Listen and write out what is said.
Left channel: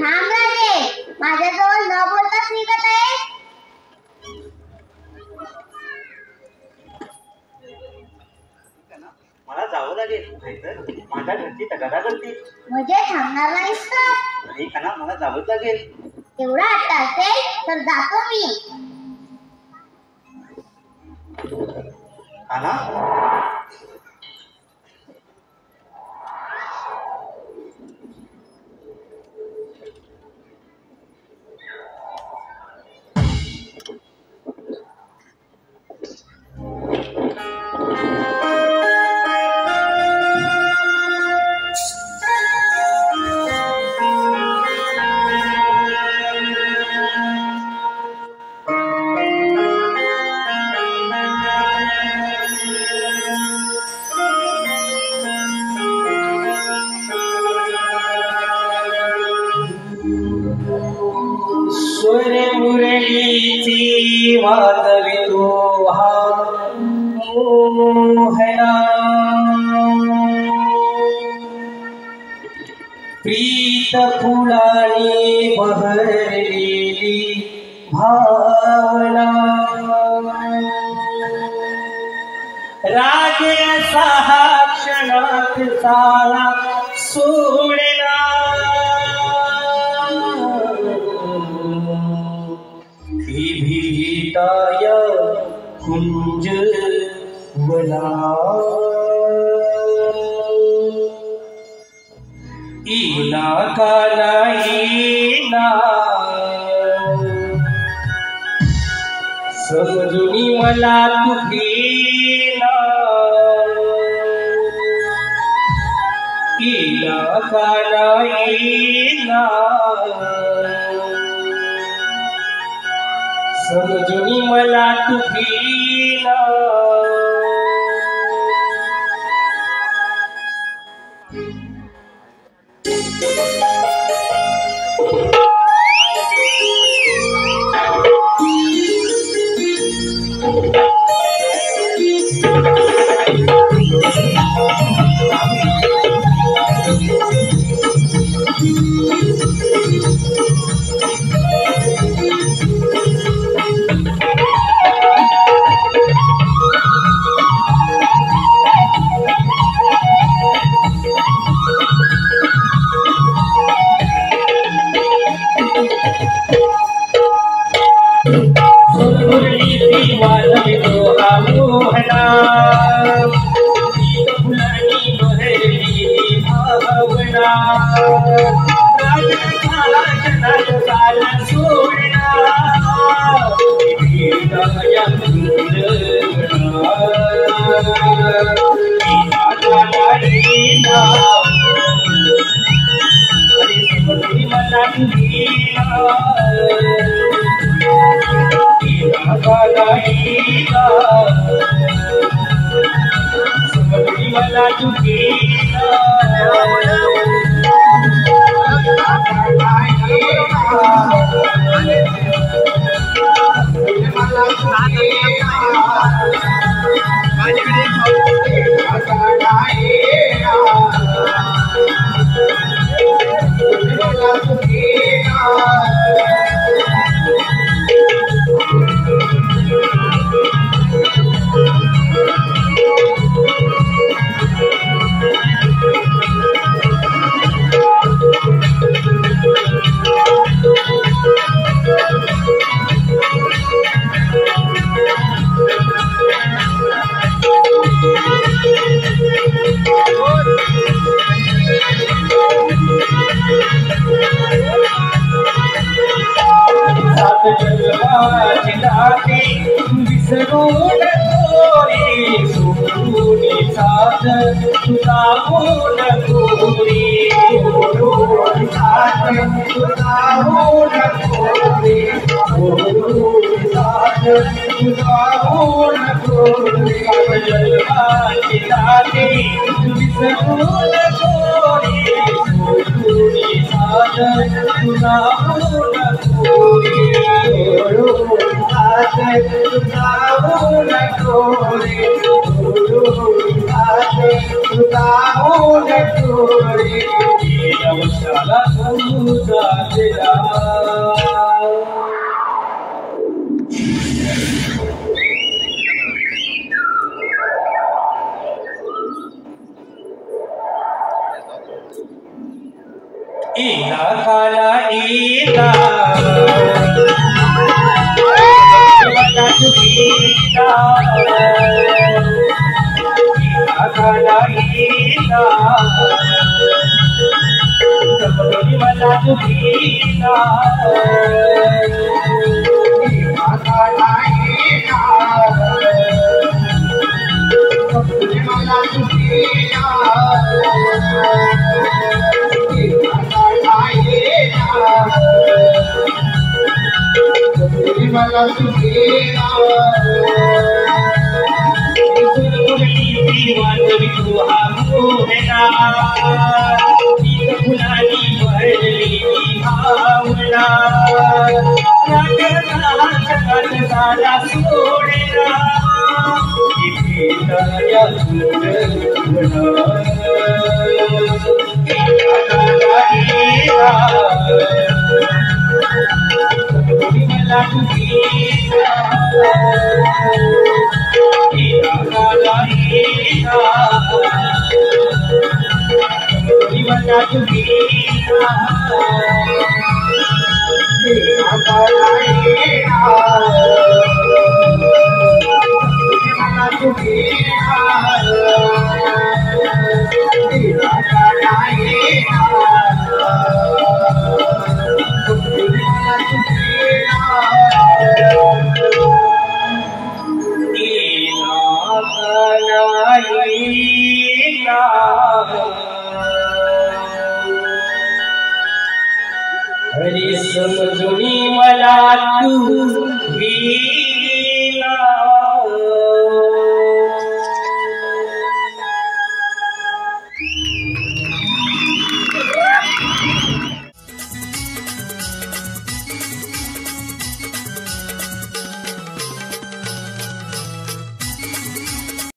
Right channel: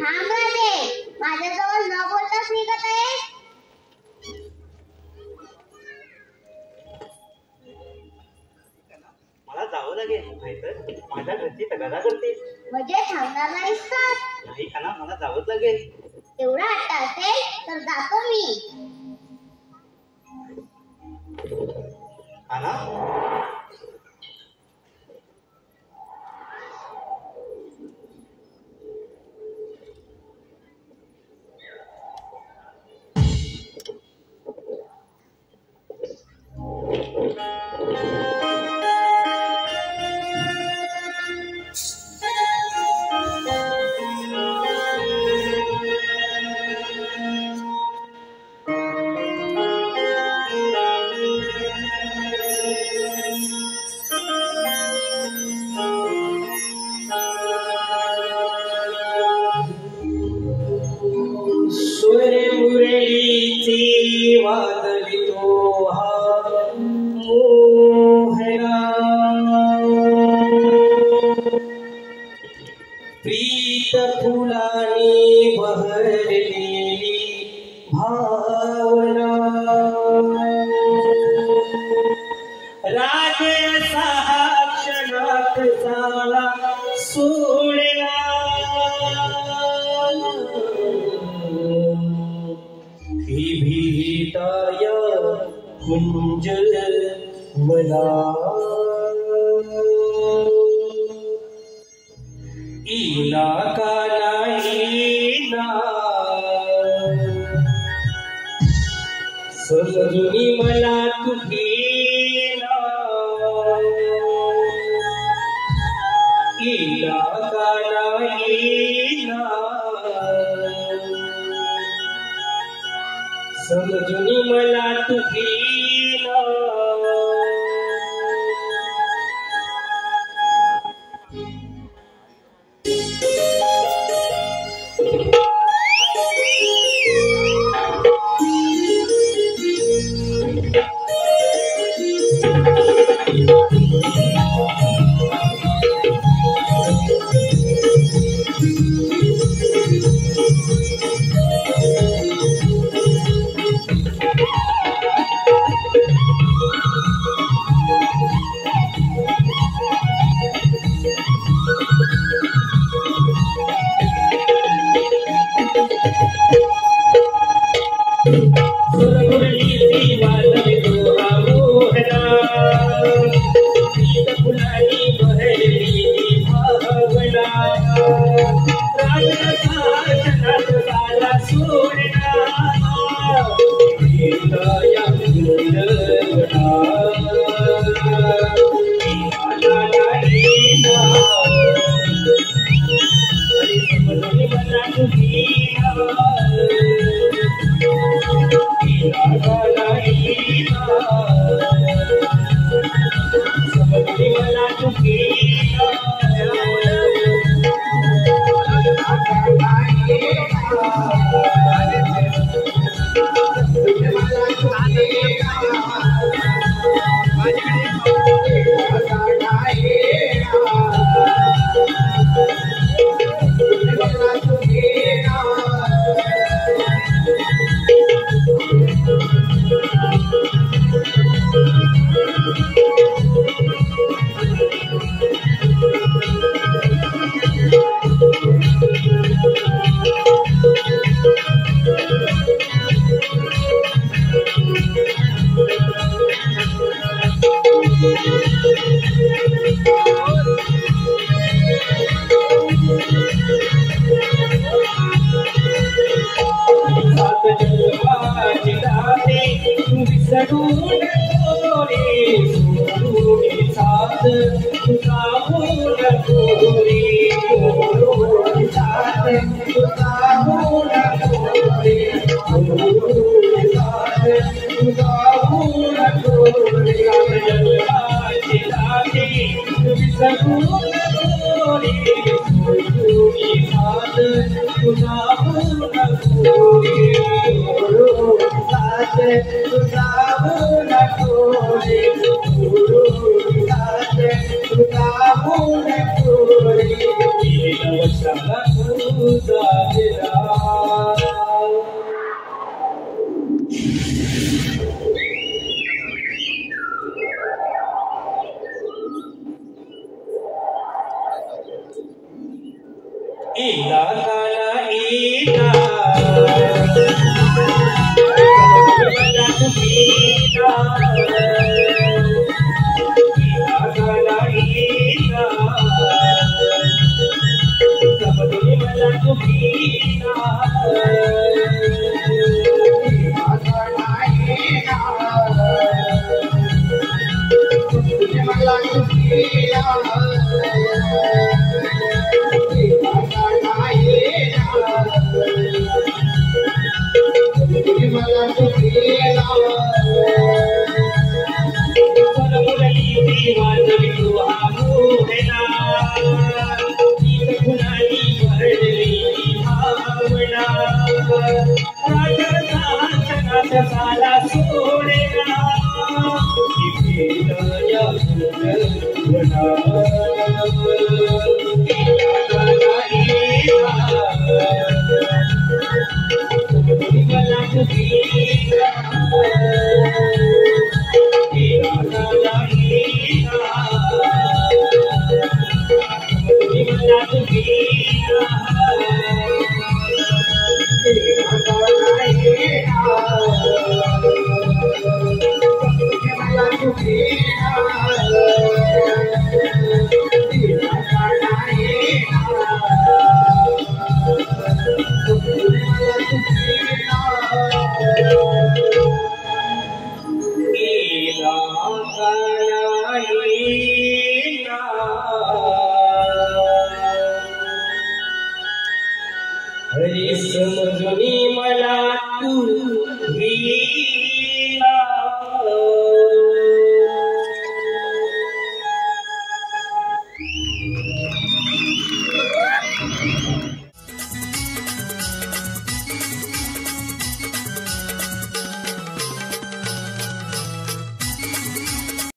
थांब राजे, माझ्याजवळ न बोलताच निघत आहे. मला जावं लागेल, नाहीतर माझ्या घरची तगादा करते. म्हणजे थांबणार नाहीस तर? नाही काना, मला जावंच लागेल. तेवढा हट्ट असेल तर जातो मी. काना, वादवितो हा मोहना, प्रीत फुलानी बहरलेली भावना, राग सहा क्षणात साला सोडला, विभिताय कुंज वना, इना काना इना, समजुनी मला तुकीना, इना काना इना, समजुनी मला तुकीना. तुझा इला काला इला मला तुझीला इला काला इला सबलोनी मला तुझीला इला काला इला सबलोनी मला तुझीला मला तुझीला फुलफुलती वाजवी तू हा मोहना तीच फुलानी भरली भावना राजसा जगात साला सोडेना इथे दया सुंदर तुझीला इला काला इला मला तुझीला इला काला इला मला तुझीला इला काला इला हरी समजुनी मला तू